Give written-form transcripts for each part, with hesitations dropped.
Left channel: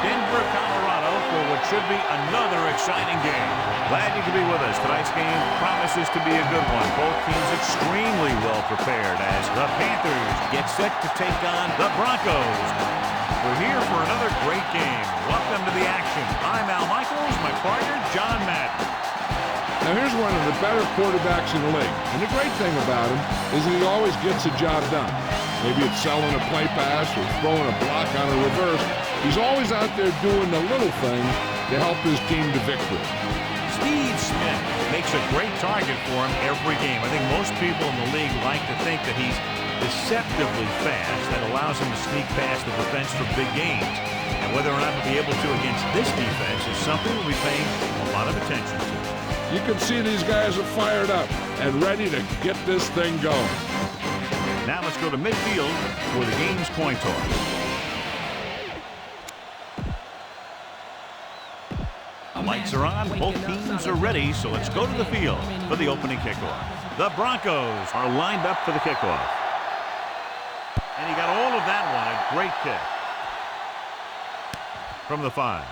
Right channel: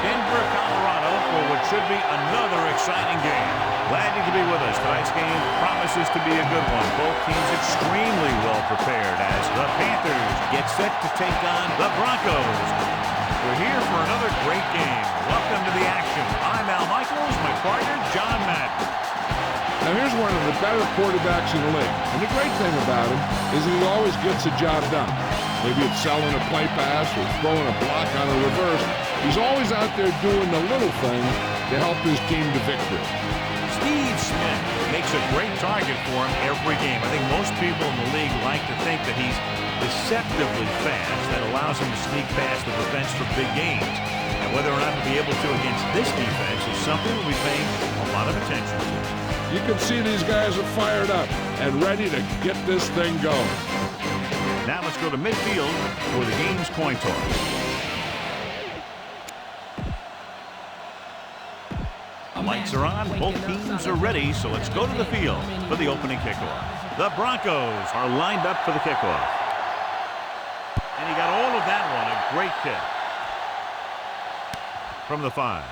Denver, Colorado, for what should be another exciting game. Glad you could be with us. Tonight's game promises to be a good one. Both teams extremely well prepared as the Panthers get set to take on the Broncos. We're here for another great game. Welcome to the action. I'm Al Michaels, my partner, John Madden. Now here's one of the better quarterbacks in the league. And the great thing about him is that he always gets the job done. Maybe it's selling a play pass or throwing a block on a reverse. He's always out there doing the little things to help his team to victory. Steve Smith makes a great target for him every game. I think most people in the league like to think that he's deceptively fast. That allows him to sneak past the defense for big gains. And whether or not he'll be able to against this defense is something we'll be paying a lot of attention to. You can see these guys are fired up and ready to get this thing going. Now let's go to midfield for the game's coin toss. Lights are on, both teams are ready, so let's go to the field for the opening kickoff. The Broncos are lined up for the kickoff. And he got all of that one, a great kick. From the 5.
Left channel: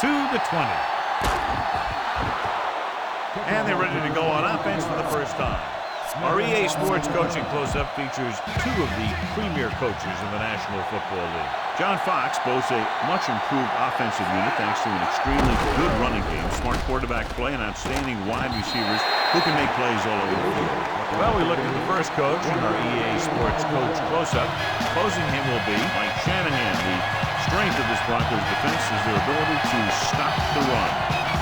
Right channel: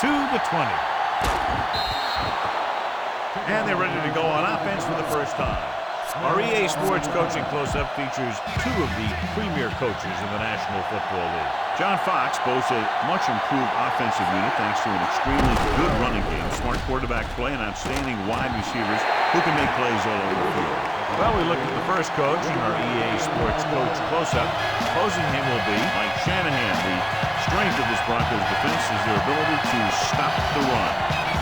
To the 20. And they're ready to go on offense for the first time. Our EA Sports Coaching Close-Up features 2 of the premier coaches in the National Football League. John Fox boasts a much-improved offensive unit thanks to an extremely good running game, smart quarterback play, and outstanding wide receivers who can make plays all over the field. Well, we looked at the first coach in our EA Sports Coach Close-Up. Opposing him will be Mike Shanahan. The strength of this Broncos defense is their ability to stop the run.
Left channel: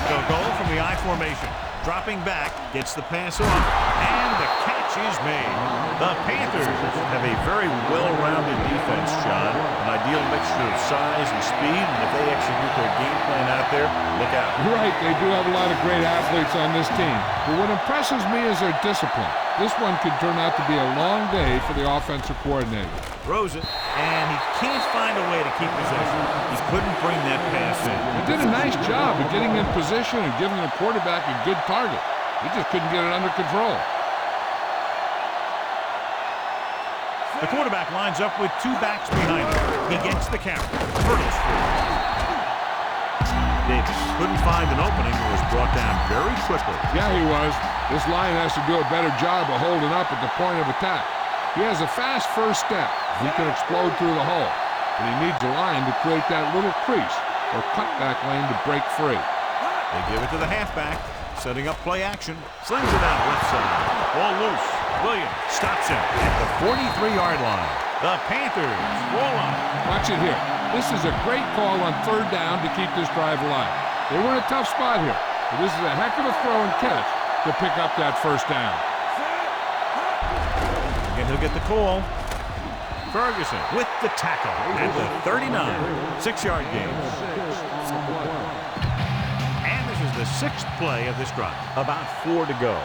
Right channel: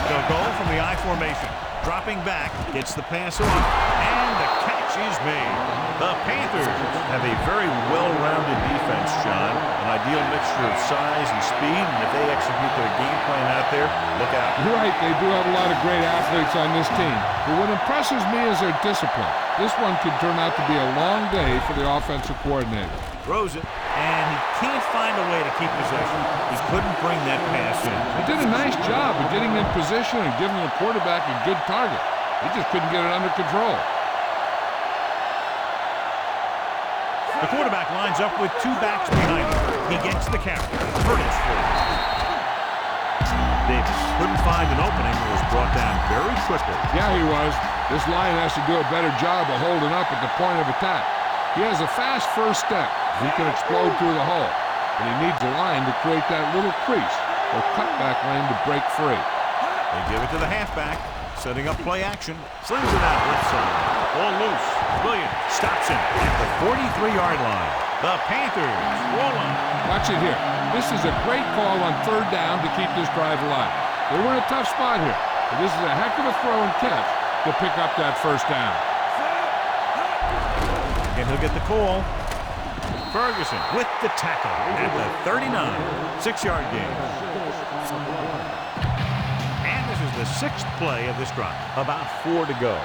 They'll go from the I formation. Dropping back, gets the pass off, and the catch is made. The Panthers have a very well-rounded defense, John. An ideal mixture of size and speed, and if they execute their game plan out there, look out. You're right, they do have a lot of great athletes on this team. But what impresses me is their discipline. This one could turn out to be a long day for the offensive coordinator. Throws it, and he can't find a way to keep possession. He couldn't bring that pass in. He did a nice job of getting in position and giving the quarterback a good target. He just couldn't get it under control. The quarterback lines up with 2 backs behind him. He gets the carry. Hurdles forward. Davis couldn't find an opening and was brought down very quickly. Yeah, he was. This line has to do a better job of holding up at the point of attack. He has a fast first step. He can explode through the hole. But he needs a line to create that little crease or cutback lane to break free. They give it to the halfback. Setting up play action. Slings it out left side. Ball loose. Williams stops him at the 43-yard line. The Panthers roll on. Watch it here. This is a great call on 3rd down to keep this drive alive. They were in a tough spot here, but this is a heck of a throw and catch to pick up that 1st down. Again, he'll get the call. Ferguson with the tackle at the 39. 6-yard gain. And this is the 6th play of this drive. About 4 to go.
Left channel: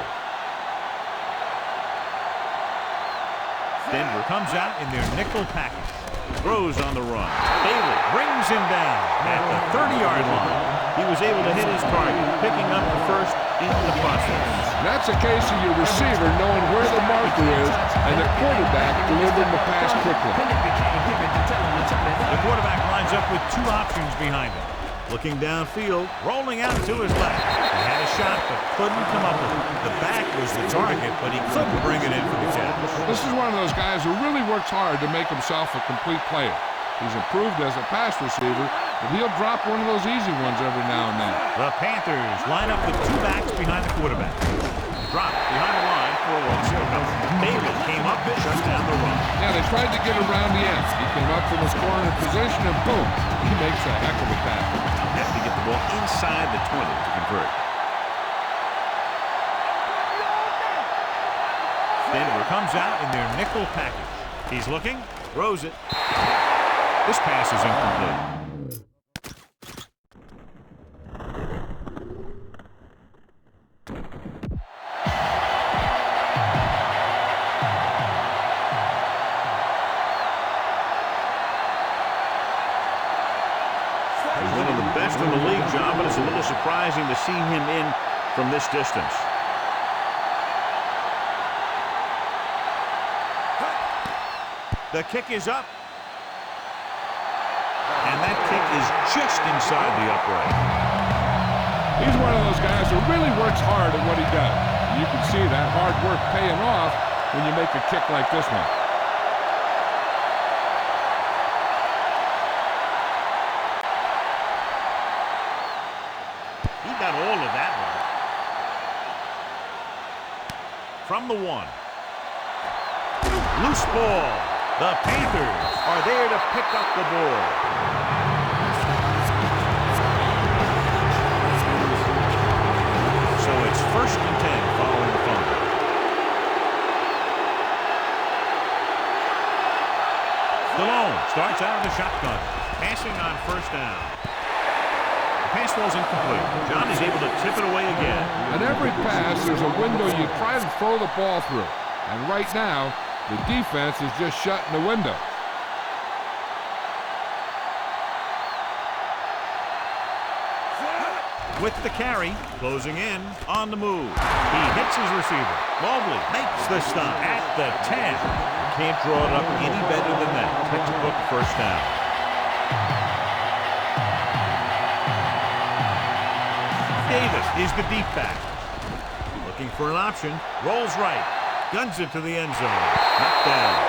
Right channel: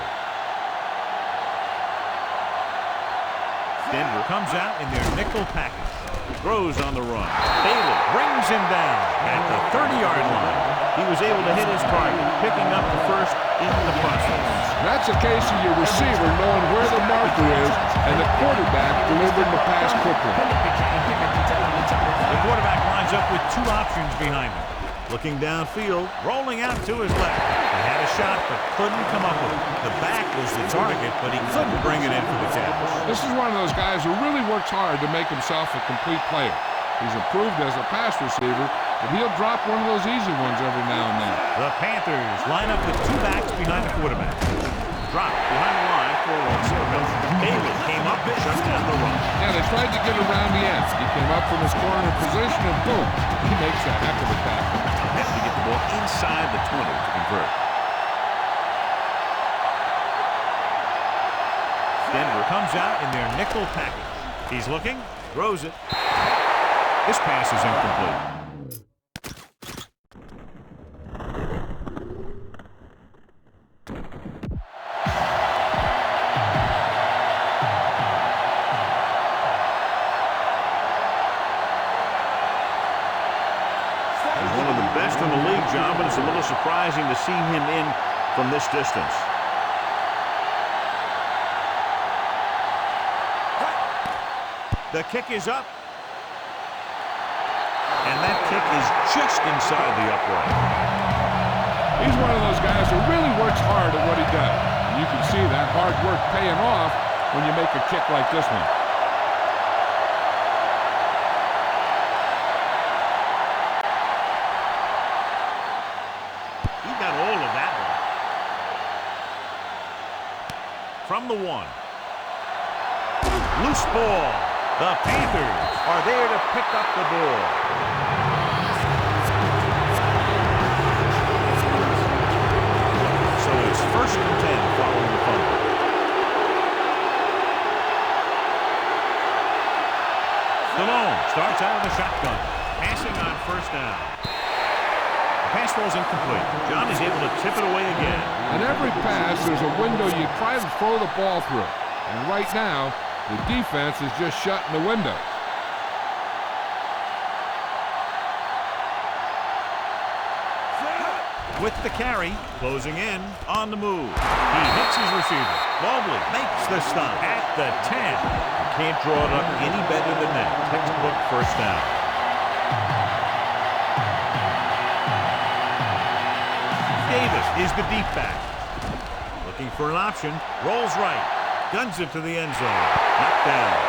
Denver comes out in their nickel package. Throws on the run. Bailey brings him down at the 30-yard line. He was able to hit his target, picking up the first in the process. That's a case of your receiver knowing where the marker is and the quarterback delivering the pass quickly. The quarterback lines up with 2 options behind him. Looking downfield, rolling out to his left. He had a shot, but couldn't come up with it. The back was the target, but he couldn't bring it in for the catch. This is one of those guys who really works hard to make himself a complete player. He's improved as a pass receiver, but he'll drop one of those easy ones every now and then. The Panthers line up with 2 backs behind the quarterback. Drop behind the line for a long pickup. Bailey came up and shut down the run. Yeah, they tried to get around the end. He came up from his corner position, and boom, he makes a heck of a tackle. Have to get the ball inside the 20 to convert. Denver comes out in their nickel package. He's looking, throws it. This pass is incomplete. He's one of the best in the league, John, but it's a little surprising to see him in from this distance. The kick is up. And that kick is just inside the upright. He's one of those guys who really works hard at what he does. You can see that hard work paying off when you make a kick like this one. He got all of that one. From the 1. Loose ball. The Panthers are there to pick up the ball. So it's 1st and 10 following the fumble. Stallone starts out of the shotgun. Passing on 1st down. The pass ball's incomplete. John is able to tip it away again. On every pass, there's a window you try to throw the ball through. And right now, the defense is just shutting the window. With the carry, closing in, on the move. He hits his receiver. Mobley makes the stop at the 10. You can't draw it up any better than that. Textbook 1st down. Davis is the deep back. Looking for an option. Rolls right. Guns it to the end zone. Knocked down.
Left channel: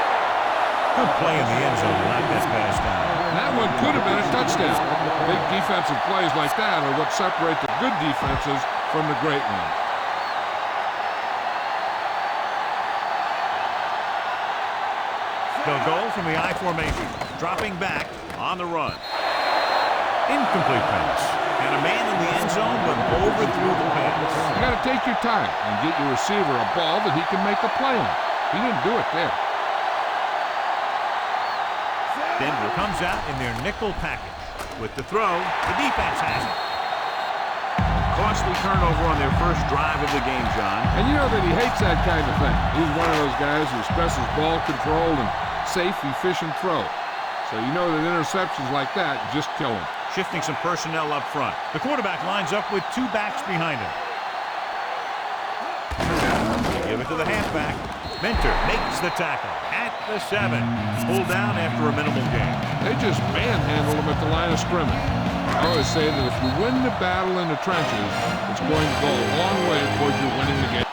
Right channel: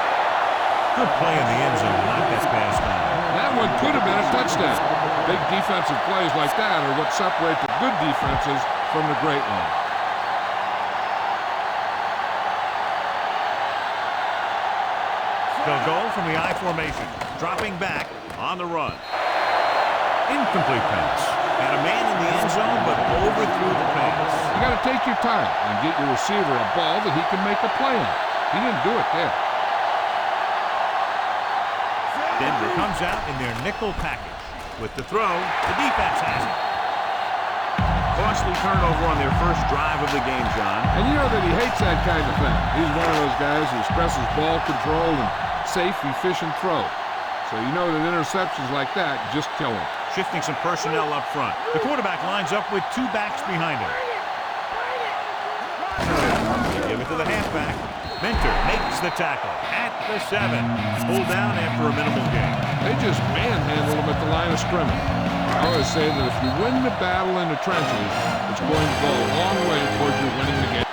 Good play in the end zone to knock that pass down. That one could have been a touchdown. Big defensive plays like that are what separate the good defenses from the great ones. They'll go from the I formation. Dropping back on the run. Incomplete pass. And a man in the end zone, but overthrew the pass. You got to take your time and get your receiver a ball that he can make a play on. He didn't do it there. Denver comes out in their nickel package. With the throw, the defense has it. A costly turnover on their first drive of the game, John. And you know that he hates that kind of thing. He's one of those guys who stresses ball control and safe, efficient throw. So you know that interceptions like that just kill him. Shifting some personnel up front. The quarterback lines up with 2 backs behind him. Give it to the halfback. Mentor makes the tackle at the 7. Pulled down after a minimal gain. They just manhandle him at the line of scrimmage. I always say that if you win the battle in the trenches, it's going to go a long way towards you winning the game.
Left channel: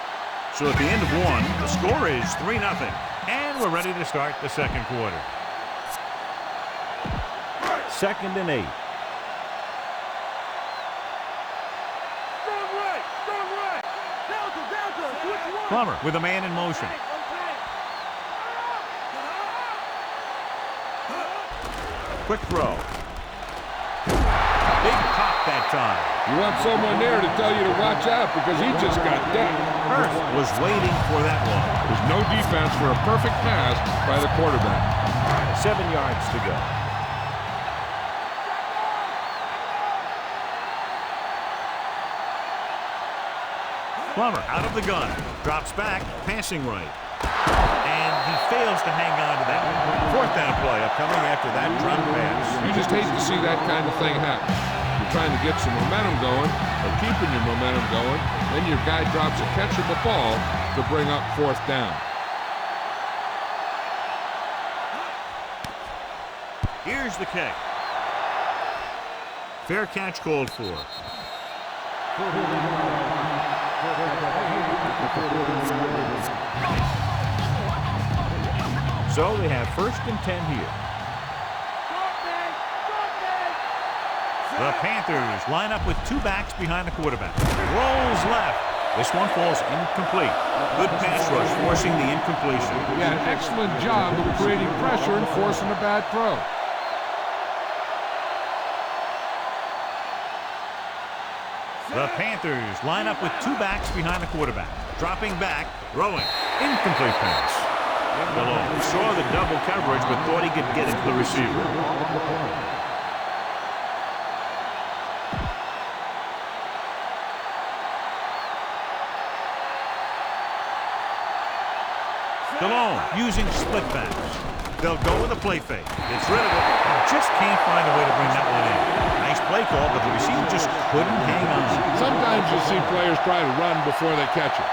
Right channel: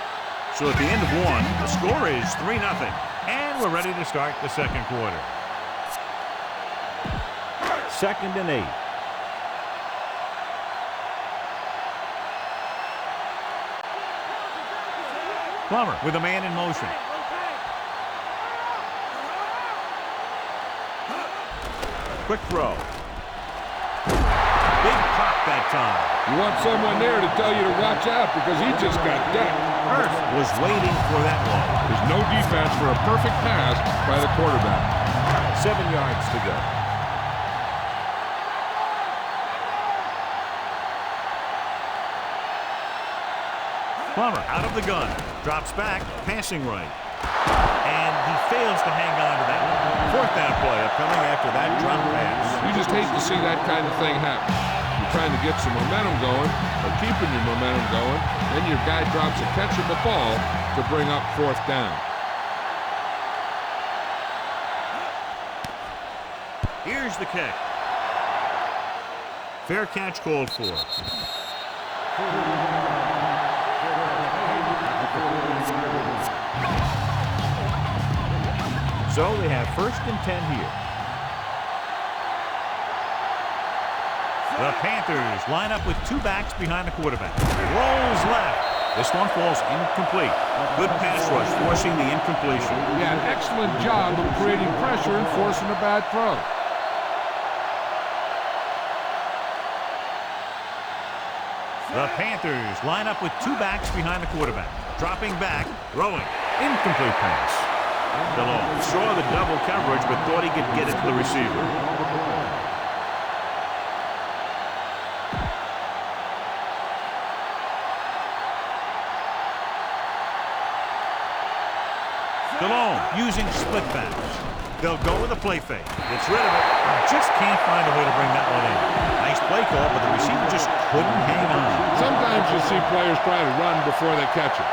So at the end of 1, the score is 3-0. And we're ready to start the 2nd quarter. 2nd and 8. Plummer with a man in motion. Quick throw. Big pop that time. You want someone there to tell you to watch out because he just got decked. Hurst was waiting for that one. There's no defense for a perfect pass by the quarterback. 7 yards to go. Plummer out of the gun. Drops back, passing right. And he fails to hang on to that one. 4th down play upcoming after that drop pass. You just hate to see that kind of thing happen. You're trying to get some momentum going, or keeping your momentum going, then your guy drops a catchable ball to bring up 4th down. Here's the kick. Fair catch called for. So they have 1st and 10 here. The Panthers line up with 2 backs behind the quarterback. Rolls left. This one falls incomplete. Good pass rush, forcing the incompletion. Yeah, an excellent job of creating pressure and forcing a bad throw. The Panthers line up with 2 backs behind the quarterback. Dropping back, throwing. Incomplete pass. Stallone saw the double coverage but thought he could get it to the receiver. Stallone using split backs. They'll go with a play fake. Gets rid of it. Just can't find a way to bring that one in. Nice play call, but the receiver just couldn't hang on. Sometimes you see players try to run before they catch it.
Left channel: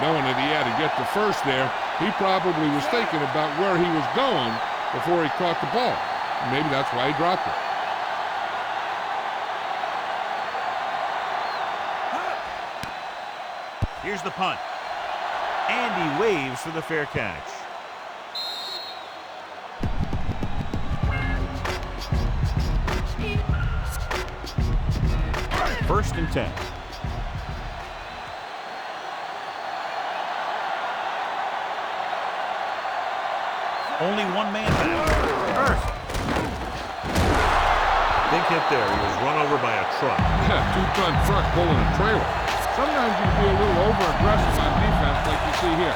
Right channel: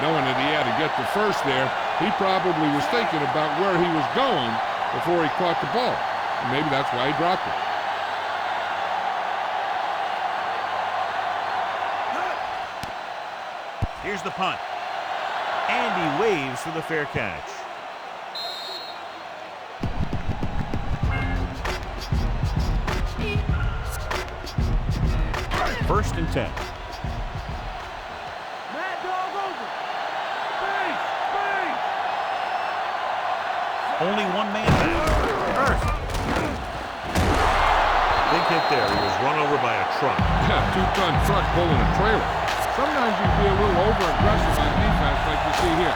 Knowing that he had to get the first there, he probably was thinking about where he was going before he caught the ball. And maybe that's why he dropped it. Here's the punt. And he waves for the fair catch. First and 10. Only one man back. Earth. Big hit there. He was run over by a truck. Yeah, two-ton truck pulling a trailer. Sometimes you can be a little over-aggressive on defense like you see here.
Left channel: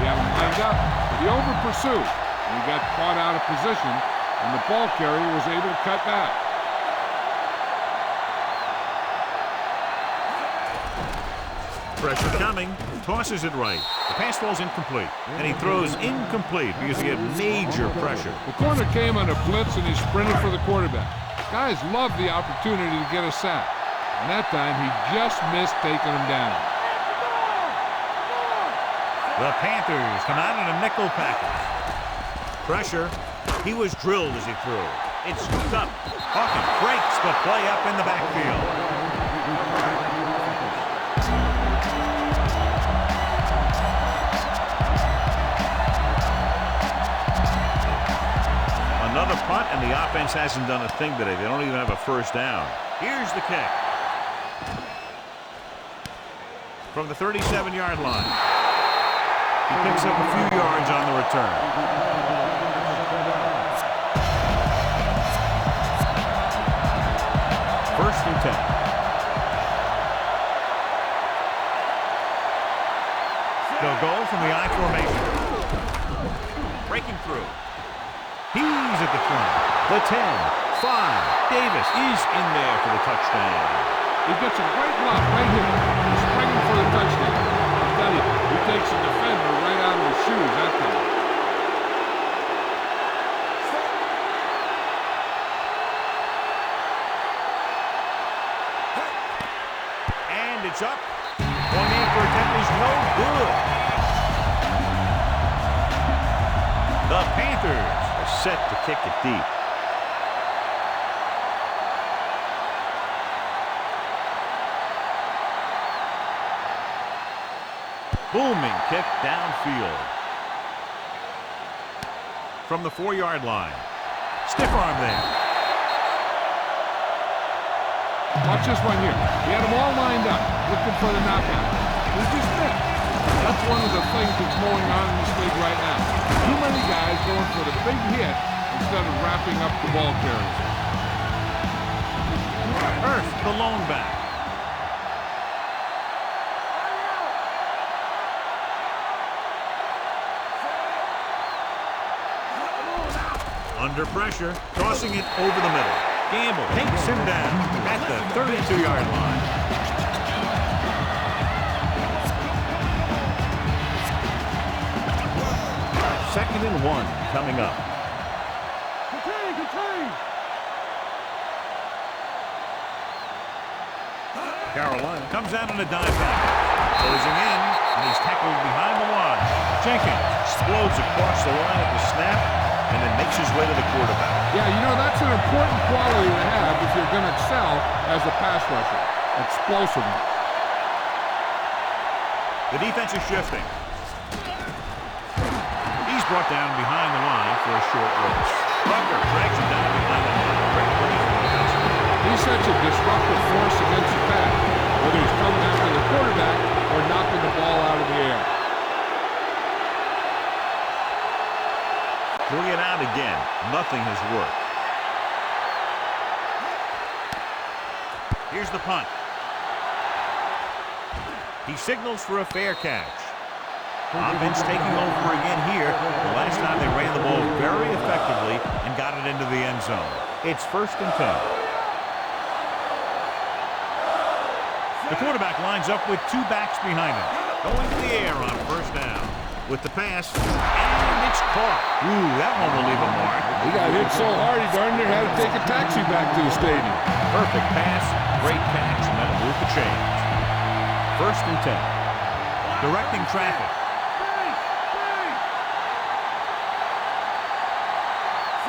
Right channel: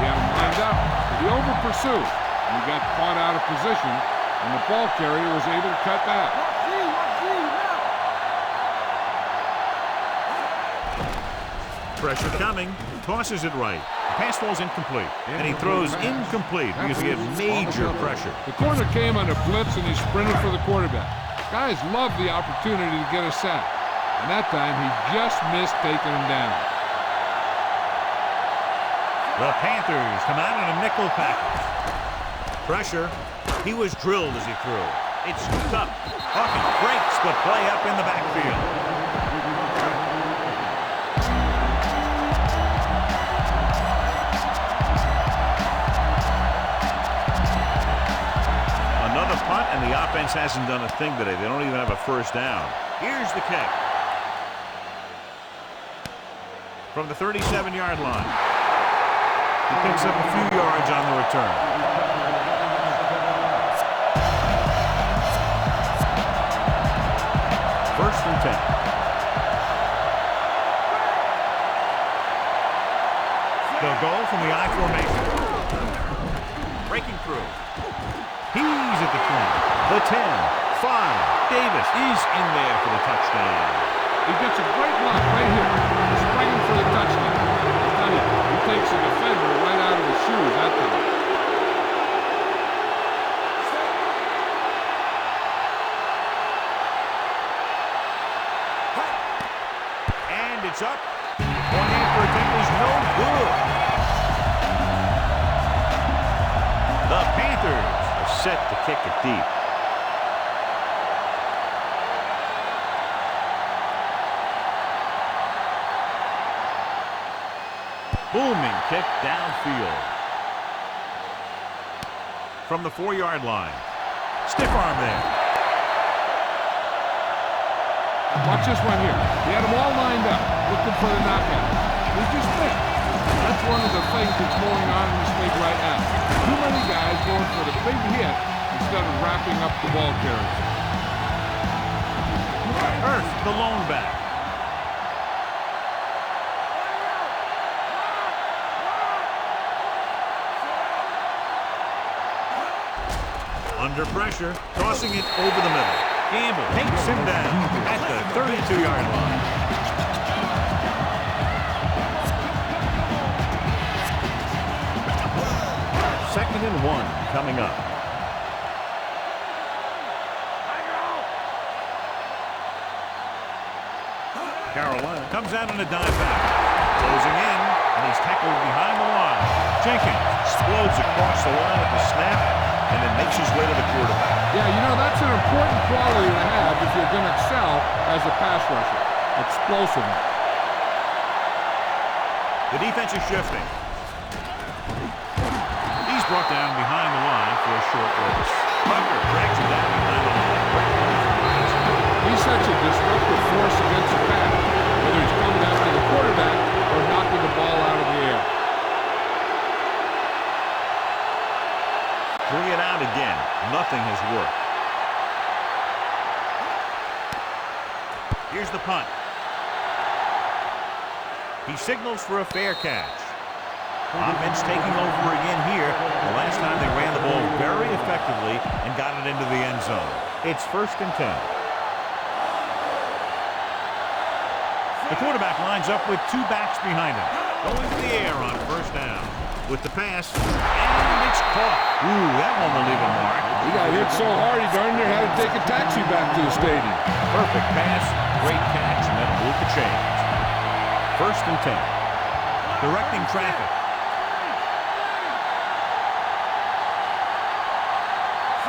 He had him lined up, but he over-pursued, and he got caught out of position, and the ball carrier was able to cut back. Pressure coming. Tosses it right. The pass falls incomplete. And he throws incomplete because he had major pressure. The corner came on a blitz, and he sprinted for the quarterback. Guys love the opportunity to get a sack. And that time, he just missed taking him down. The Panthers come out in a nickel package. Pressure. He was drilled as he threw. It's scooped up. Hawkins breaks the play up in the backfield. Another punt, and the offense hasn't done a thing today. They don't even have a first down. Here's the kick. From the 37-yard line. He picks up a few yards on the return. First and 10. They'll go from the I formation. Breaking through. He's at the 20, the 10, 5. Davis is in there for the touchdown. He gets a great block right here. He's springing for the touchdown. I'll tell you, he takes the defender right out of his shoes that time. And it's up. Point after attempt is no good. The Panthers are set to kick it deep. Booming kick downfield. From the 4-yard line. Stiff arm there. Watch this one here. He had them all lined up, looking for the knockout. He just missed. That's one of the things that's going on in this league right now. Too many guys going for the big hit instead of wrapping up the ball carriers. Earth, the lone back. Under pressure, tossing it over the middle. Gamble takes him down at the 32-yard line. Second and 1 coming up. Carolina comes out on a dive back. Closing in, and he's tackled behind the line. Jenkins explodes across the line at the snap, and then makes his way to the quarterback. Yeah, you know, that's an important quality to have if you're going to excel as a pass rusher. Explosiveness. The defense is shifting. He's brought down behind the line for a short race. Rucker drags him down behind the line. Great play from the offensive line. He's such a disruptive force against the pass, whether he's coming after the quarterback or knocking the ball out of the air. 3 and out again. Nothing has worked. Here's the punt. He signals for a fair catch. Offense taking over again here. The last time they ran the ball very effectively and got it into the end zone. It's first and 10. The quarterback lines up with 2 backs behind him. Going to the air on first down. With the pass, and it's caught. Ooh, that one will leave a mark. He got hit so hard he darn near had to take a taxi back to the stadium. Perfect pass, great catch, and that'll move the chains. First and 10. Directing traffic.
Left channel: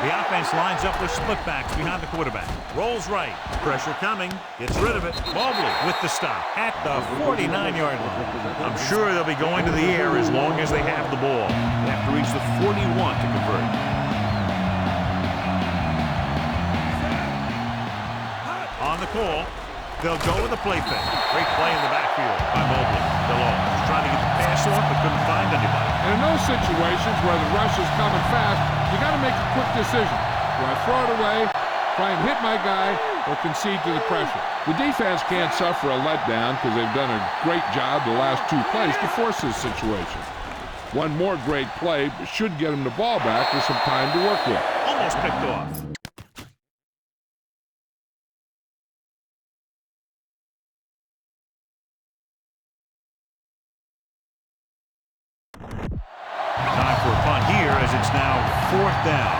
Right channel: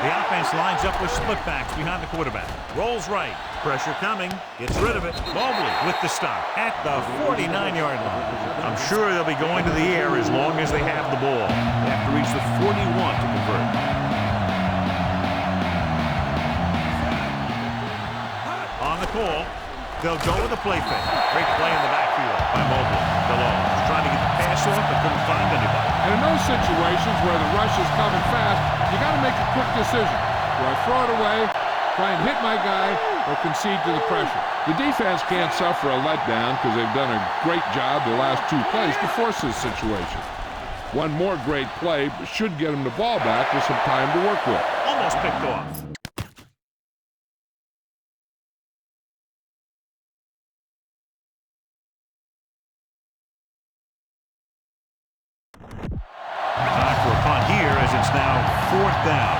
The offense lines up with split backs behind the quarterback. Rolls right. Pressure coming. Gets rid of it. Mobley with the stop at the 49-yard line. I'm sure they'll be going to the air as long as they have the ball. They have to reach the 41 to convert. On the call, they'll go with a play fake. Great play in the backfield by Mobley. DeLong was trying to get the pass off, but couldn't find anybody. And in those situations where the rush is coming fast, you got to make a quick decision. Do I throw it away, try and hit my guy, or concede to the pressure? The defense can't suffer a letdown because they've done a great job the last two plays to force this situation. One more great play should get them the ball back with some time to work with. Almost picked off. Time for a punt here as it's now 4th down.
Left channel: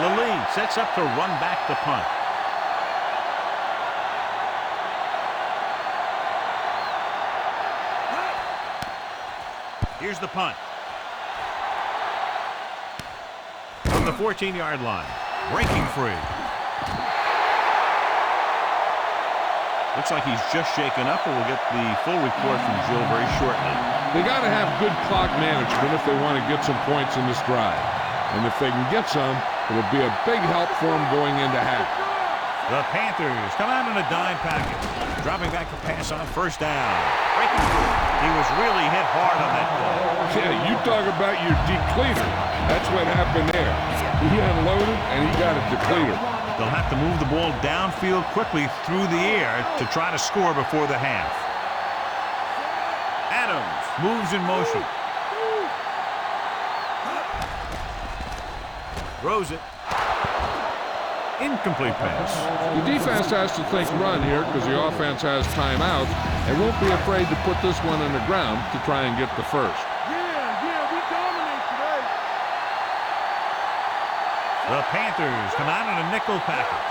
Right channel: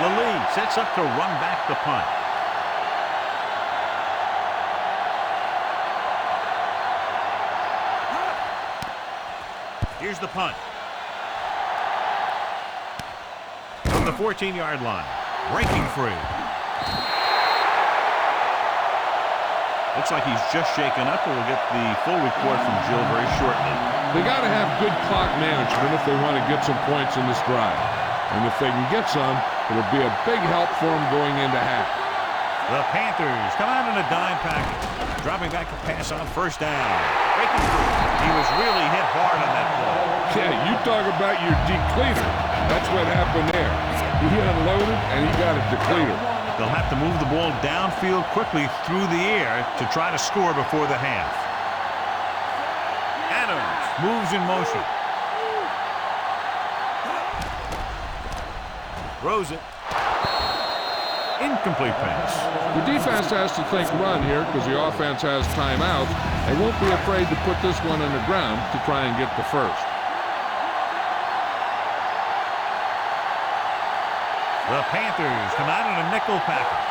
Lally sets up to run back the punt. Here's the punt. From the 14-yard line. Breaking free. Looks like he's just shaken up, and we'll get the full report from Jill very shortly. They got to have good clock management if they want to get some points in this drive. And if they can get some, it'll be a big help for them going into half. The Panthers come out in a dime package. Dropping back to pass on 1st down. Breaking through. He was really hit hard on that play. Yeah, you talk about your depleter. That's what happened there. He unloaded, and he got a depleter. They'll have to move the ball downfield quickly through the air to try to score before the half. Adams moves in motion. Throws it. Incomplete pass. The defense has to think run here because the offense has timeouts. They won't be afraid to put this one on the ground to try and get the first. The Panthers come out in a nickel package.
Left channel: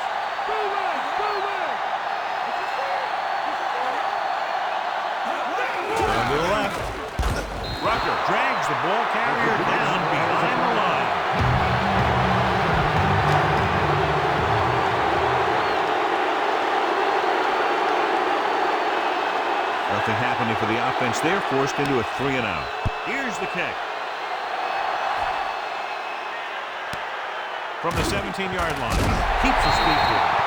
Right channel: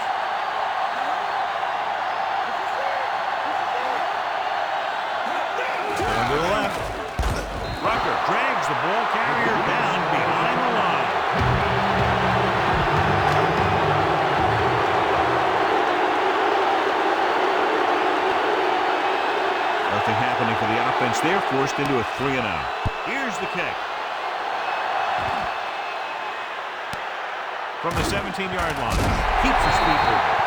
Going to the left. Rucker drags the ball carrier down behind the line. Nothing happening for the offense. They're forced into a 3-and-out. Here's the kick. From the 17-yard line. Keeps his feet moving.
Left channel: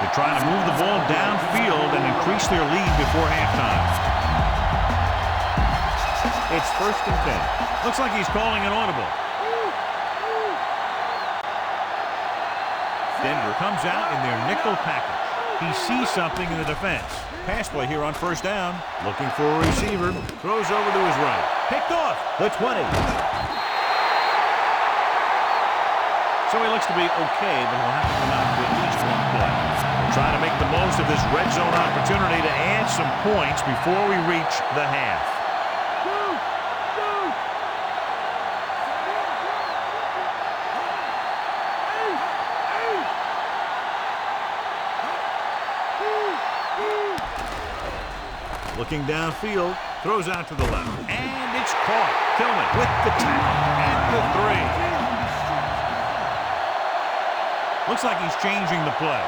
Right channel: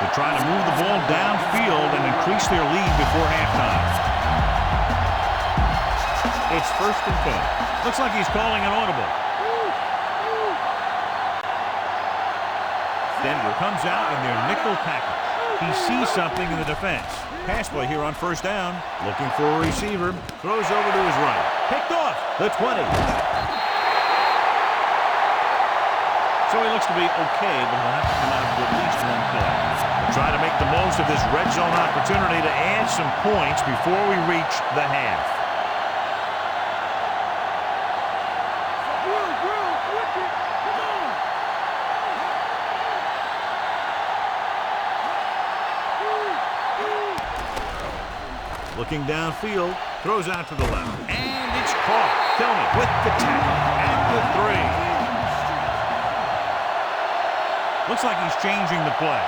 They're trying to move the ball downfield and increase their lead before halftime. It's 1st and 10. Looks like he's calling an audible. Denver comes out in their nickel package. He sees something in the defense. Pass play here on 1st down. Looking for a receiver. Throws over to his right. Picked off. The 20. So he looks to be okay, but he'll have to come out for at least one play. We'll try to make the most of this red zone opportunity to add some points before we reach the half. Looking downfield, throws out to the left, and it's caught. Tillman with the tackle at the 3. Looks like he's changing the play,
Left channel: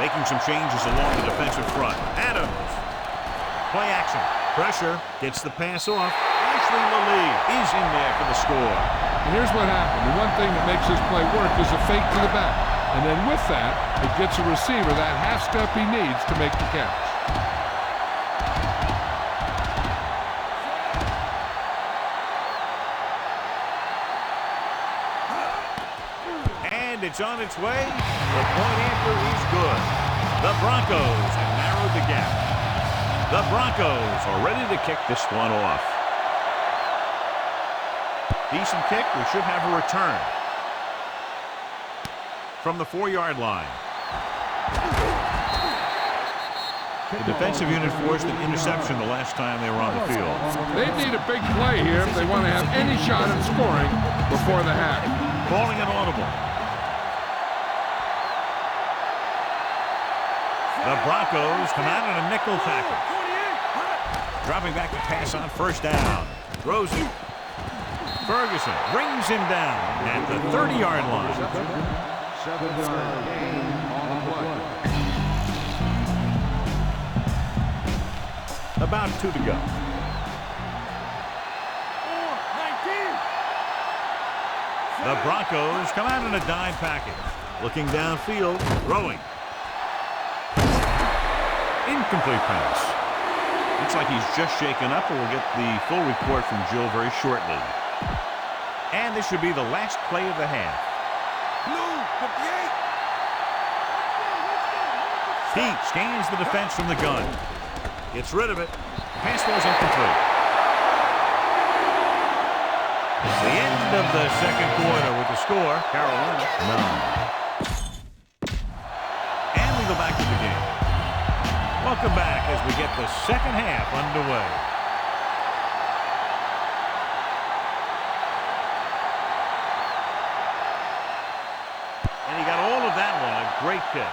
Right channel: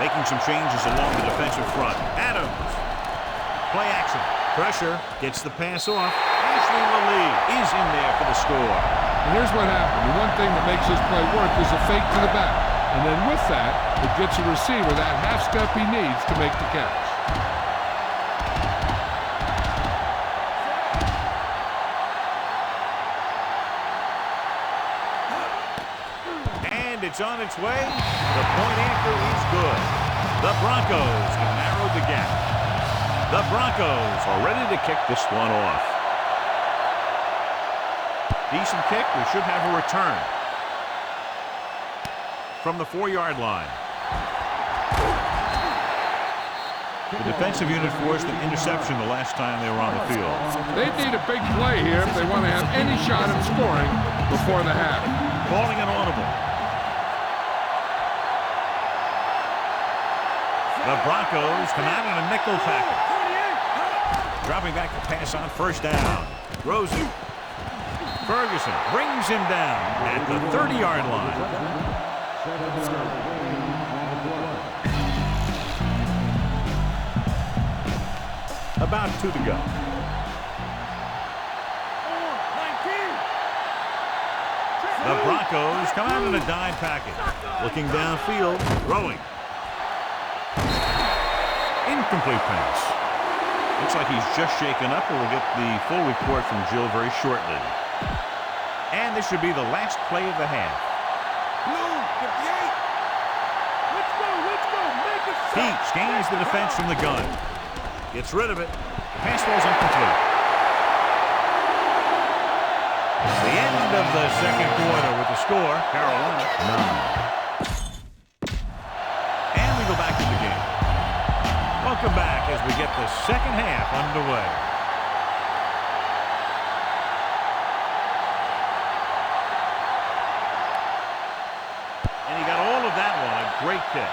making some changes along the defensive front. Adams, play action, pressure, gets the pass off. Ashley Lally is in there for the score. And here's what happened. The one thing that makes this play work is a fake to the back. And then with that, it gets a receiver that half step he needs to make the catch. And it's on its way. The point after is good. The Broncos have narrowed the gap. The Broncos are ready to kick this one off. Decent kick. We should have a return. From the 4-yard line. The defensive unit forced an interception the last time they were on the field. They need a big play here if they want to have any shot at scoring before the half. Calling an audible. The Broncos come out in a nickel package. Dropping back to pass on first down. Throws it. Ferguson brings him down at the 30-yard line. About 2 to go. 19. The Broncos come out in a dime package. Looking downfield, throwing. Incomplete pass. Looks like he's just shaken up, and we'll get the full report from Jill very shortly. And this should be the last play of the half. Blue, 58. Pete scans the defense from the gun. Gets rid of it. The pass ball's incomplete. It's the end of the second quarter with the score, Carolina 9. And we go back to the game. Welcome back as we get the second half underway. And he got all of that one. A great kick.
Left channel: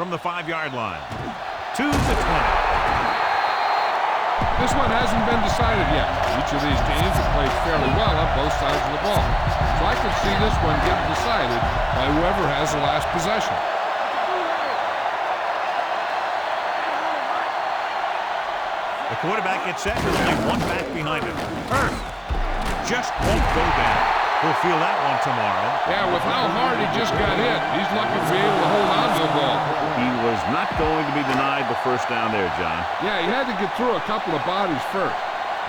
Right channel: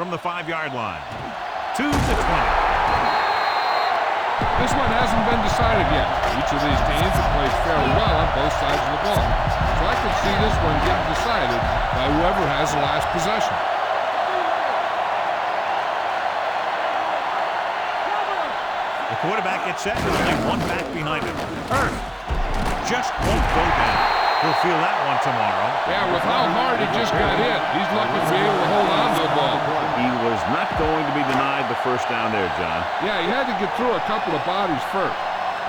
From the 5-yard line. To the 20. This one hasn't been decided yet. Each of these teams have played fairly well on both sides of the ball. So I could see this one getting decided by whoever has the last possession. The quarterback gets set with only one back behind him. Hurt. Just won't go down. He'll feel that one tomorrow. Yeah, with how hard he just got hit, he's lucky to be able to hold on to the ball. He was not going to be denied the first down there, John. Yeah, he had to get through a couple of bodies first.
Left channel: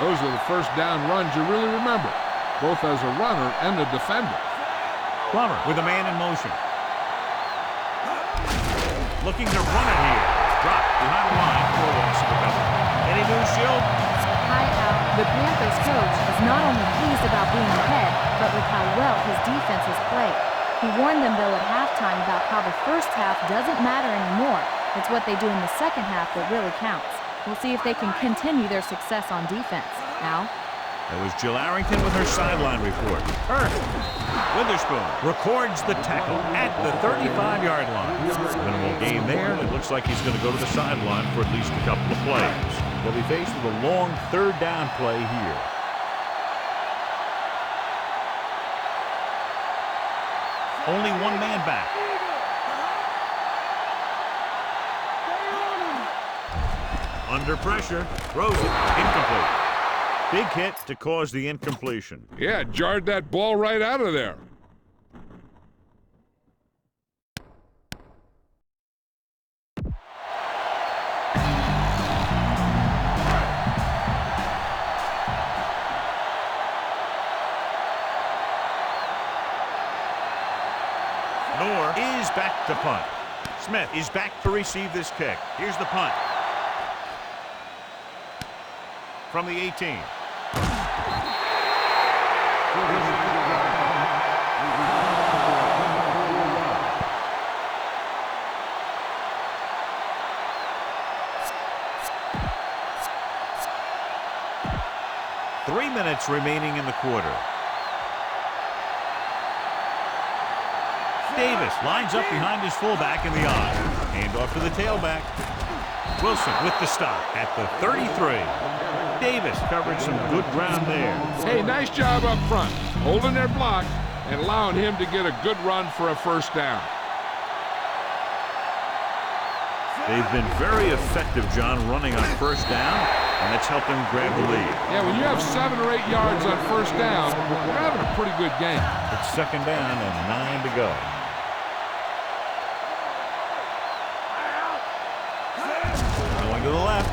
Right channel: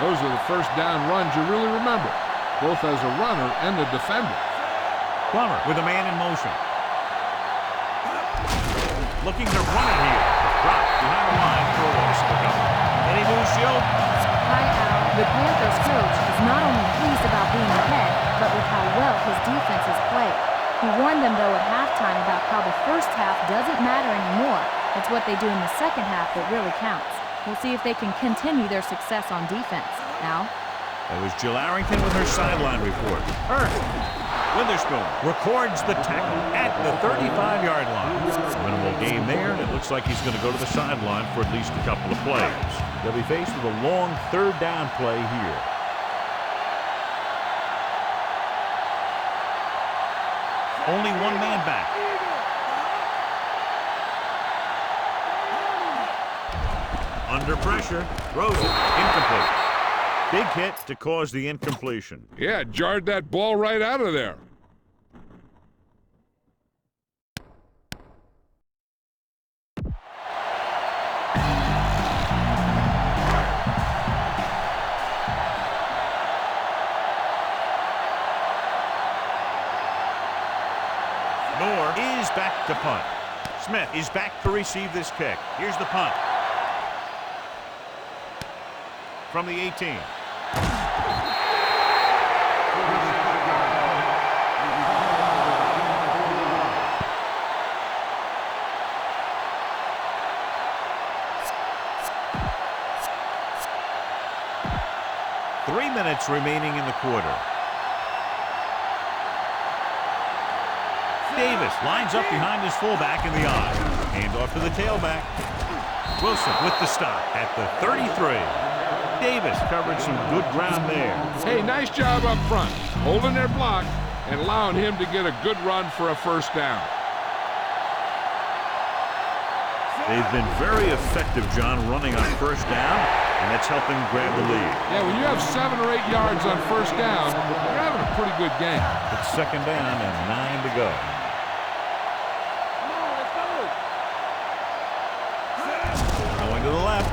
Those are the first down runs you really remember, both as a runner and a defender. Plummer with a man in motion. Looking to run it here. Dropped behind the line for a loss of a couple. Any news, Jill? Hi, Al. The Panthers coach is not only pleased about being ahead, but with how well his defense has played. He warned them, though, at halftime about how the first half doesn't matter anymore. It's what they do in the second half that really counts. We'll see if they can continue their success on defense. Al? That was Jill Arrington with her sideline report. Hurt. Witherspoon records the tackle at the 35-yard line. Minimal gain there, and it looks like he's going to go to the sideline for at least a couple of plays. They'll be faced with a long third down play here. Only one man back. Under pressure, throws it, incomplete. Big hit to cause the incompletion. Yeah, jarred that ball right out of there. Knorr is back to punt. Smith is back to receive this kick. Here's the punt. From the 18. Three minutes remaining in the quarter. Davis lines up behind his fullback in the I. Hand off to the tailback. Wilson with the stop at the 33. Davis covered some good ground there. Hey, nice job up front, holding their block and allowing him to get a good run for a first down. They've been very effective, John, running on first down, and that's helped them grab the lead. Yeah, when you have 7 or 8 yards on first down, you're having a pretty good game. It's second down and 9 to go. Going to the left.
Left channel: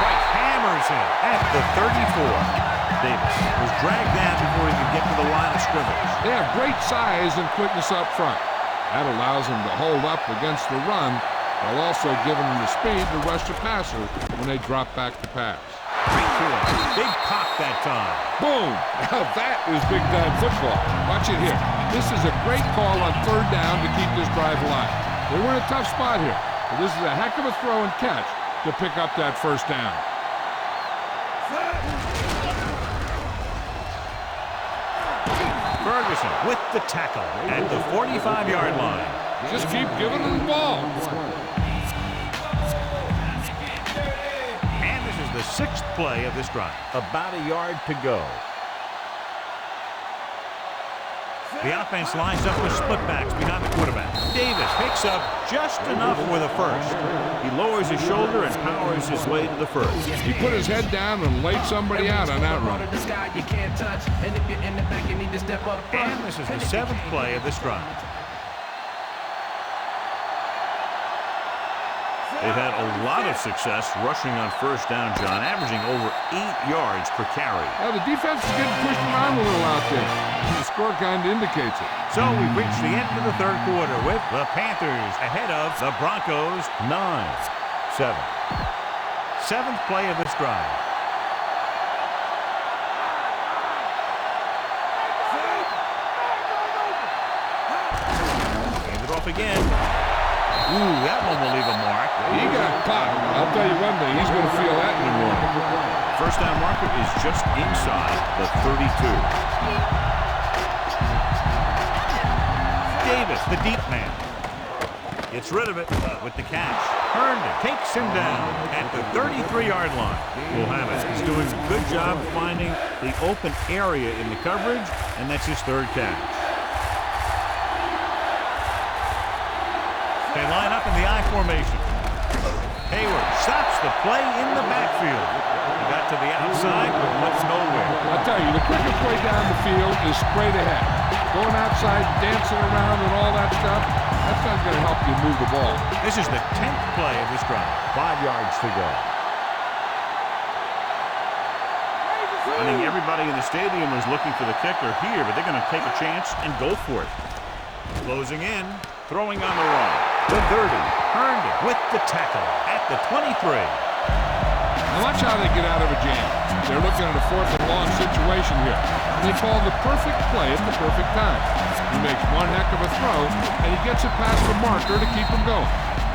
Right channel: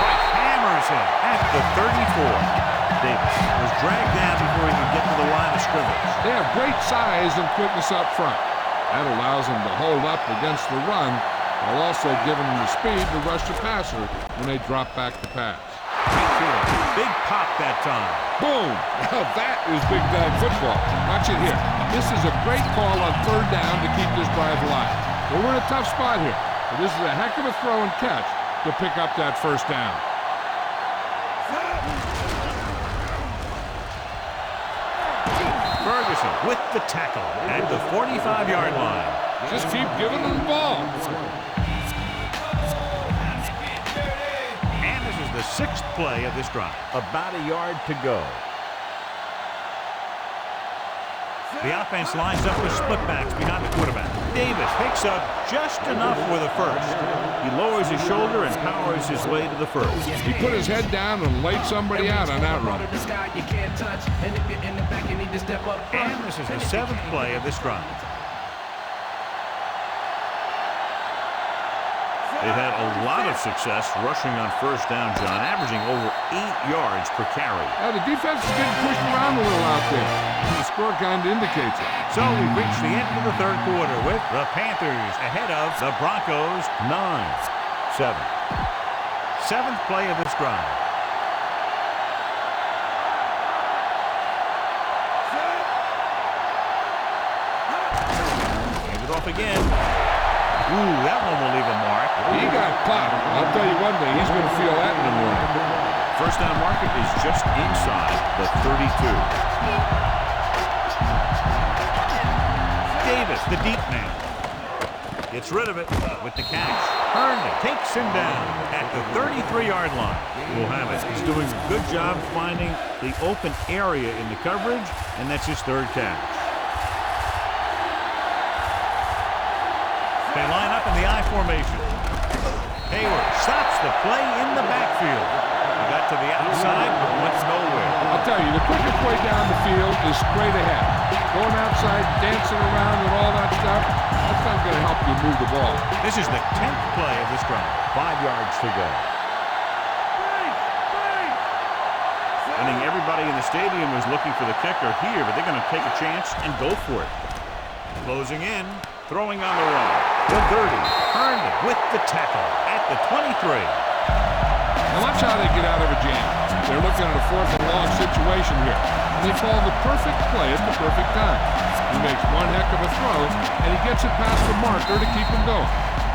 Price hammers him at the 34. Davis was dragged down before he could get to the line of scrimmage. They have great size and quickness up front. That allows them to hold up against the run while also giving them the speed to rush the passer when they drop back to pass. Right to him. Big pop that time. Boom! Now that is big-time football. Watch it here. This is a great call on third down to keep this drive alive. They were in a tough spot here, but this is a heck of a throw and catch to pick up that first down. Ferguson with the tackle at the 45-yard line. Just keep giving them the ball. the 6th play of this drive. About a yard to go. The offense lines up with split backs behind the quarterback. Davis picks up just enough for the first. He lowers his shoulder and powers his way to the first. He put his head down and laid somebody out on that run. And this is the 7th play of this drive. They've had a lot of success rushing on first down, John, averaging over 8 yards per carry. Now, the defense is getting pushed around a little out there. The score kind of indicates it. So we've reached the end of the 3rd quarter with the Panthers ahead of the Broncos 9-7. 7th play of this drive. Hand it off again. Ooh, that one will leave a mark. He got popped. I'll tell you one thing, he's going to feel that in the morning. First down marker is just inside the 32. Davis, the deep man, gets rid of it with the catch. Herndon takes him down at the 33-yard line. We'll have it. He's doing a good job finding the open area in the coverage, and that's his 3rd catch. They line up in the I formation. Hayward stops the play in the backfield. He got to the outside, but went nowhere. I'll tell you, the quickest way down the field is straight ahead. Going outside, dancing around and all that stuff, that's not going to help you move the ball. This is the 10th play of this drive. 5 yards to go. I think everybody in the stadium was looking for the kicker here, but they're going to take a chance and go for it. Closing in, throwing on the run. The 30. Herndon with the tackle at the 23. Now watch how they get out of a jam. They're looking at a 4th and long situation here. And they call the perfect play at the perfect time. He makes one heck of a throw, and he gets it past the marker to keep him going.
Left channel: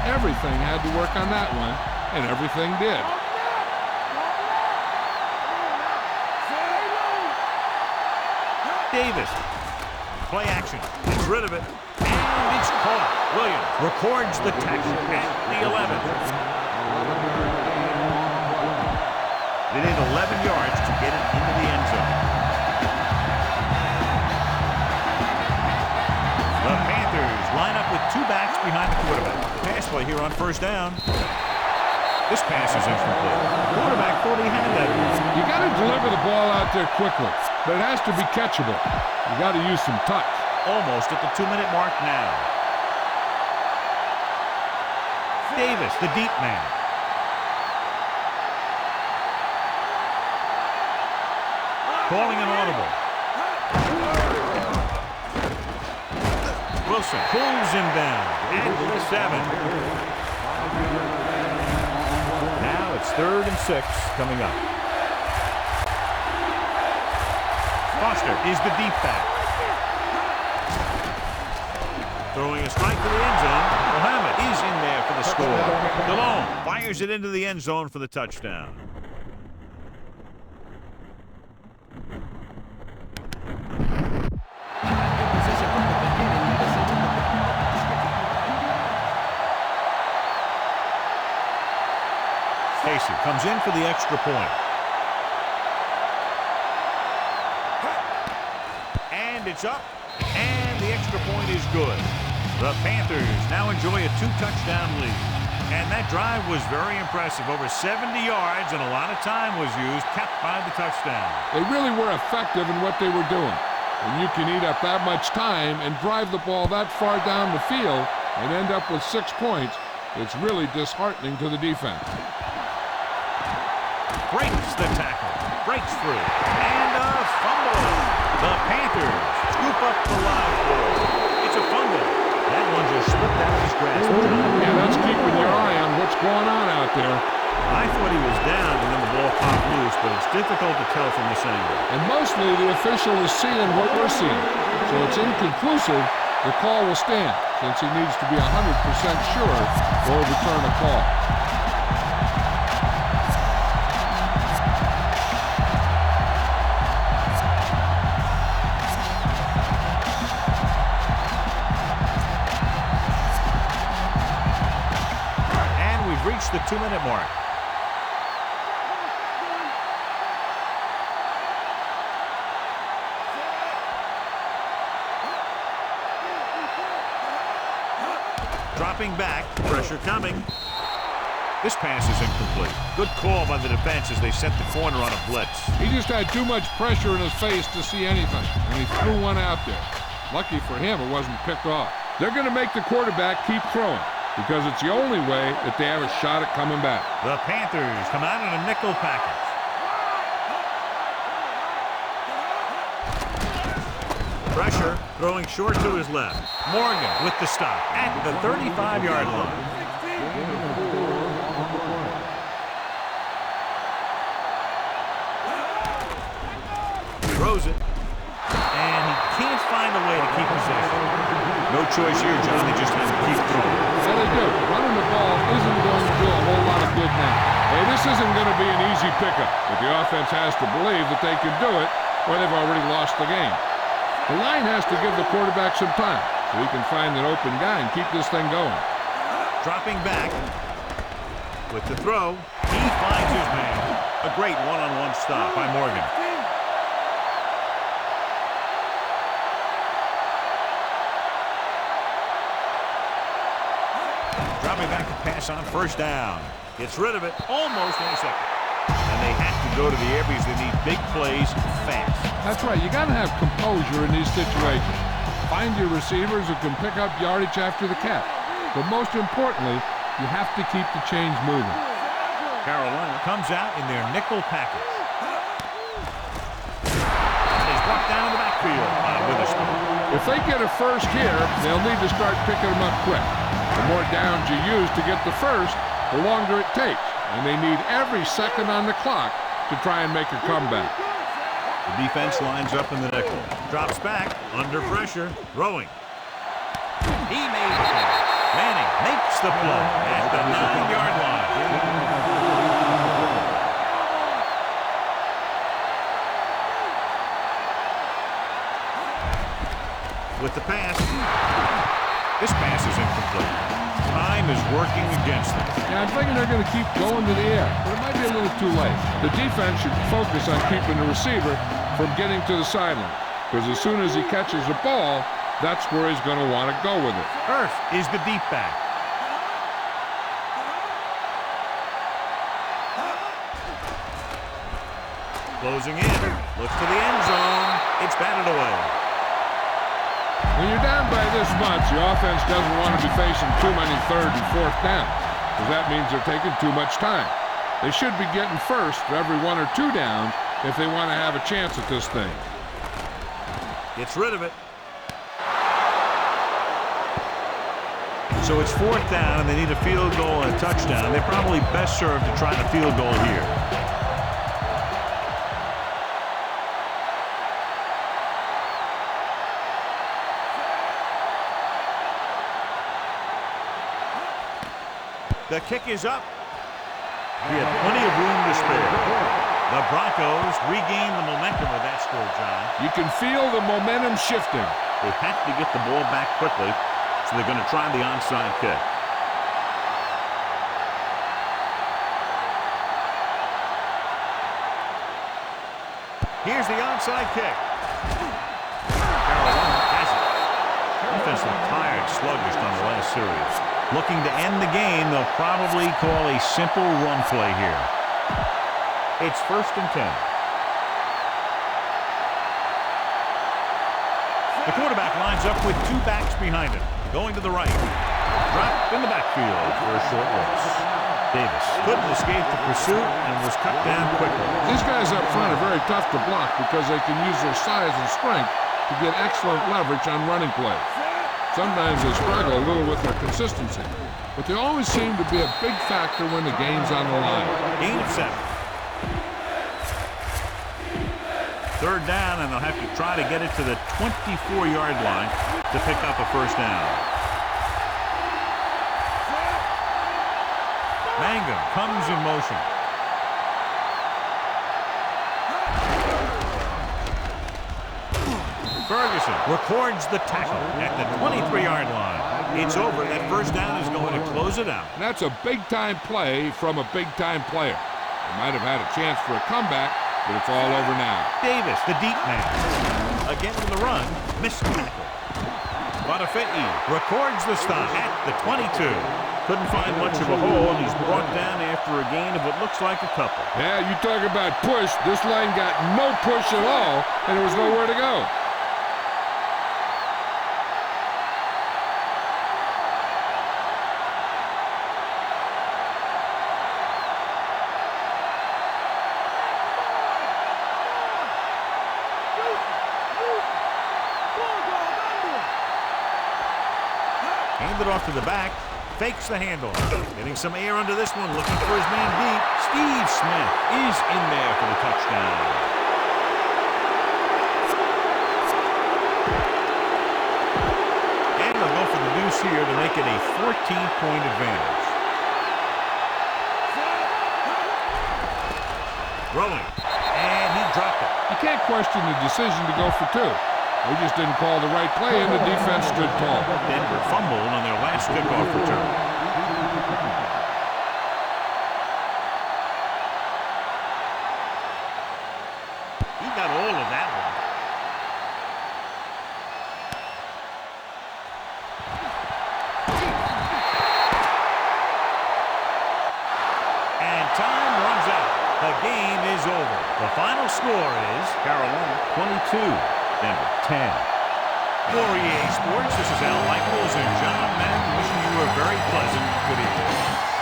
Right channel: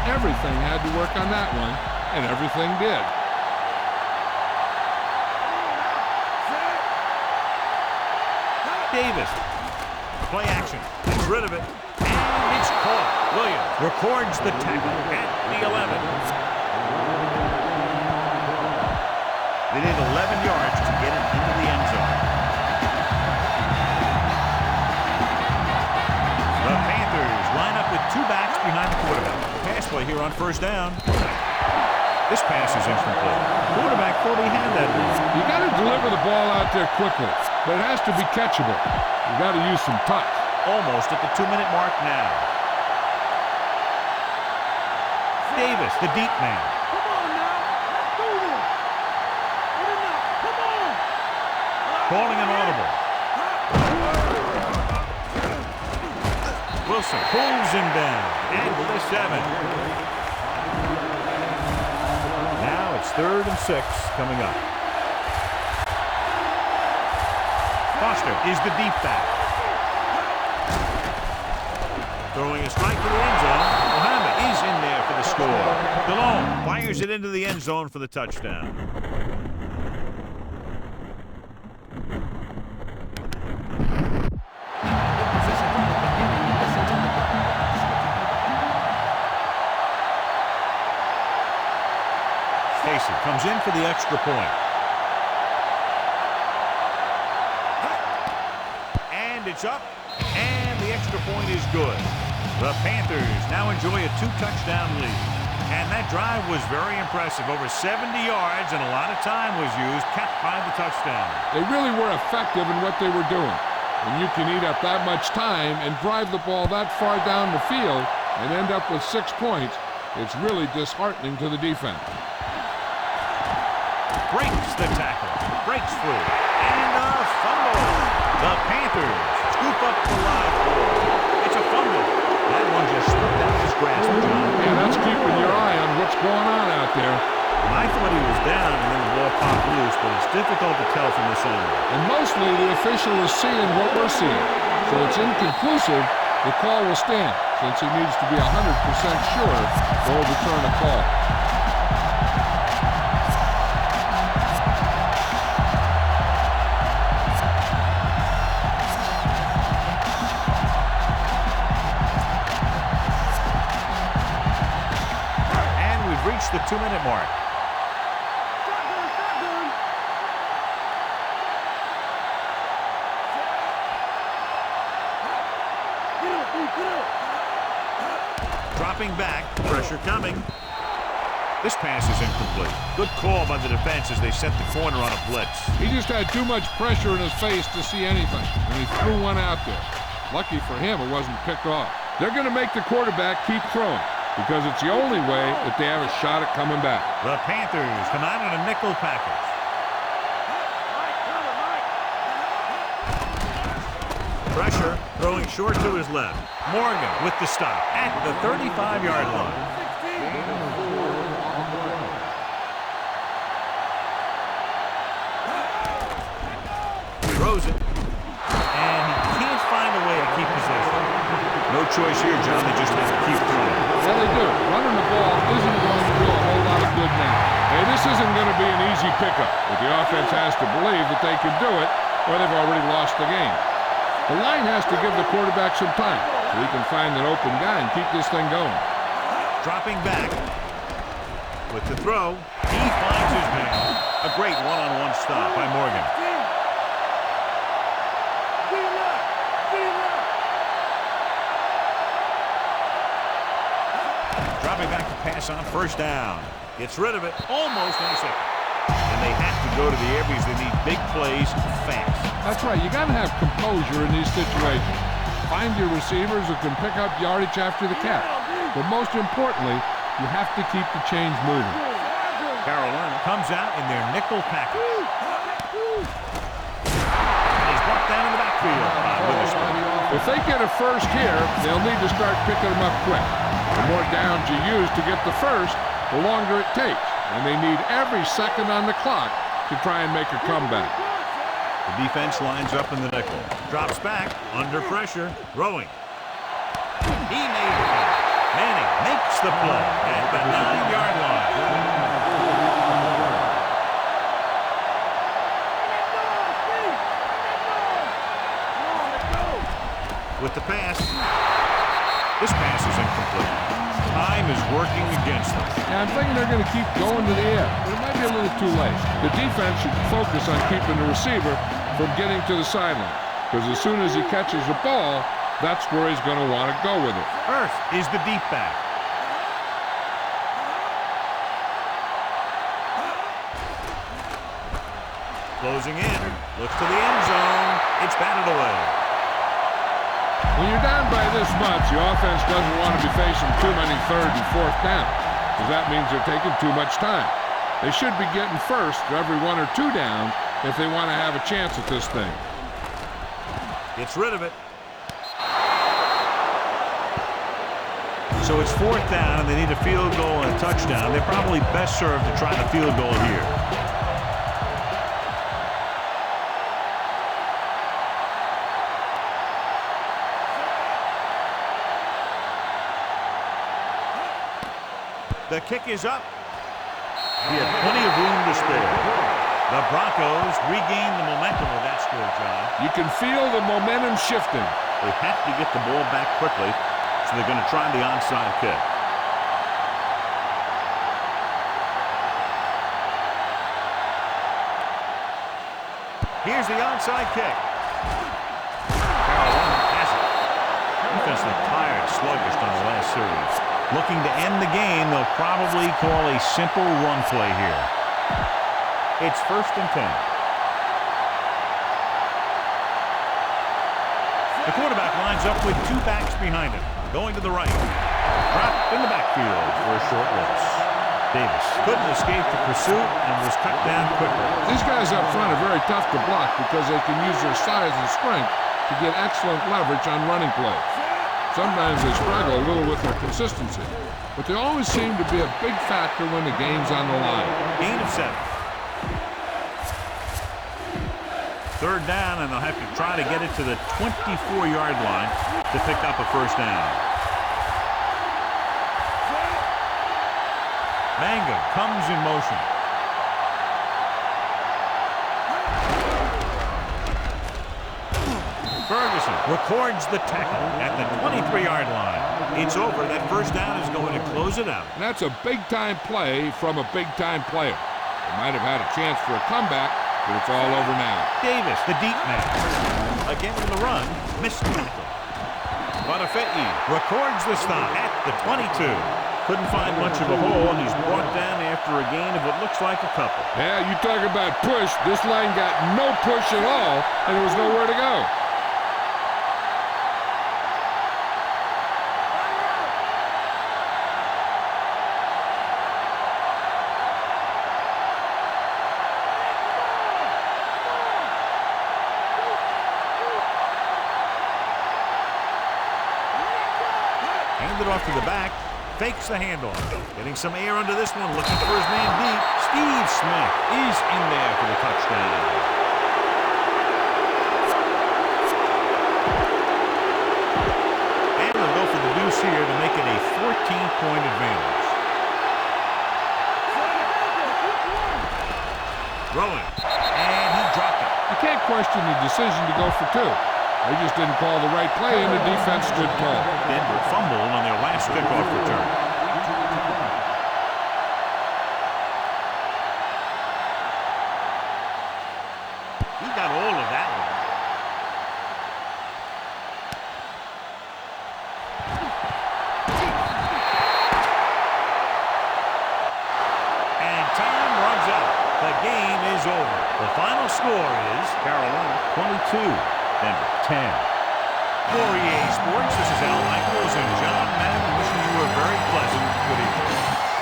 Everything had to work on that one, and everything did. Davis. Play action. Gets rid of it. And it's caught. Williams records the tackle at the 11. They need 11 yards to get it into the end zone. The Panthers line up with 2 backs behind the quarterback. Pass play here on first down. This pass is incomplete. The quarterback thought he had that one. You got to deliver the ball out there quickly, but it has to be catchable. You got to use some touch. Almost at the 2-minute mark now. Davis, the deep man. Calling an audible. Wilson pulls him down at the 7. Now it's 3rd and 6 coming up. Foster is the deep back. Throwing a strike to the end zone. Mohammed is in there for the score. DeLone fires it into the end zone for the touchdown. Casey comes in for the extra point. And it's up, and the extra point is good. The Panthers now enjoy a 2-touchdown lead. And that drive was very impressive. Over 70 yards, and a lot of time was used, capped by the touchdown. They really were effective in what they were doing. When you can eat up that much time and drive the ball that far down the field and end up with 6 points, it's really disheartening to the defense. Breaks the tackle, breaks free, and a fumble. The Panthers scoop up the live ball. It's a fumble. That one just slipped out of his grasp, John. Yeah, that's keeping your eye on what's going on out there. I thought he was down, and then the ball popped loose, but it's difficult to tell from this angle. And mostly the official is seeing what we're seeing. So it's inconclusive. The call will stand, since he needs to be 100% sure to overturn a call. Reached the 2-minute mark. Dropping back, pressure coming. This pass is incomplete. Good call by the defense as they set the corner on a blitz. He just had too much pressure in his face to see anything, and he threw one out there. Lucky for him, it wasn't picked off. They're going to make the quarterback keep throwing because it's the only way that they have a shot at coming back. The Panthers come out in a nickel package. Pressure, throwing short to his left. Morgan with the stop at the 35-yard line. Throws it, and he can't find a way to keep possession. No choice here, John. They just have to keep throwing. Yeah, they do. Running the ball isn't going to do a whole lot of good now. Hey, this isn't going to be an easy pickup, but the offense has to believe that they can do it, or they've already lost the game. The line has to give the quarterback some time so he can find an open guy and keep this thing going. Dropping back with the throw. He finds his man. A great one-on-one stop by Morgan. Dropping back to pass on first down. Gets rid of it almost in a second. And they have to go to the air because they need big plays fast. That's right. You got to have composure in these situations. Find your receivers who can pick up yardage after the catch. But most importantly, you have to keep the chains moving. Carolina comes out in their nickel package. And he's brought down in the backfield by Witherspoon. If they get a first here, they'll need to start picking them up quick. The more downs you use to get the first, the longer it takes. And they need every second on the clock to try and make a comeback. The defense lines up in the nickel. Drops back, under pressure, throwing. He made the catch. Manning makes the play at the 9-yard line. With the pass. This pass is incomplete. Time is working against them. Yeah, I'm thinking they're going to keep going to the air, but it might be a little too late. The defense should focus on keeping the receiver from getting to the sideline, because as soon as he catches the ball, that's where he's going to want to go with it. Earth is the deep back. Closing in, looks to the end zone. It's batted away. When you're down by this much, the offense doesn't want to be facing too many third and fourth downs, because that means they're taking too much time. They should be getting first for every 1 or 2 downs if they want to have a chance at this thing. Gets rid of it. So it's 4th down, and they need a field goal and a touchdown. They're probably best served to try the field goal here. The kick is up. He had plenty of room to spare. The Broncos regain the momentum with that score, John. You can feel the momentum shifting. They have to get the ball back quickly, so they're going to try the onside kick. Here's the onside kick. Carolina has it. Defense looked tired, sluggish on the last series. Looking to end the game, they'll probably call a simple run play here. It's 1st and 10. The quarterback lines up with 2 backs behind him. Going to the right. Dropped in the backfield for a short loss. Davis couldn't escape the pursuit and was cut down quickly. These guys up front are very tough to block because they can use their size and strength to get excellent leverage on running plays. Sometimes they struggle a little with their consistency, but they always seem to be a big factor when the game's on the line. Gain of 7. 3rd down, and they'll have to try to get it to the 24-yard line to pick up a first down. Mangum comes in motion. Ferguson records the tackle at the 23-yard line. It's over. That first down is going to close it out. And that's a big-time play from a big-time player. They might have had a chance for a comeback, but it's all over now. Davis, the deep man. Again with the run, missed tackle. Bonifei records the stop at the 22. Couldn't find much of a hole, and he's brought down after a gain of what looks like a couple. Yeah, you talk about push. This line got no push at all, and there was nowhere to go. Handed off to the back. Fakes the handoff. Getting some air under this one. Looking for his man deep. Steve Smith is in there for the touchdown. And they'll go for the deuce here to make it a 14-point advantage. Throwing. And he dropped it. You can't question the decision to go for two. They just didn't call the right play, and the defense stood tall. Denver fumbled on their last kickoff return. He got all of that one. And time runs out. The game is over. The final score is Carolina 22. Denver 10. For EA Sports, this is Al Michaels and John Madden wishing you a very pleasant good evening.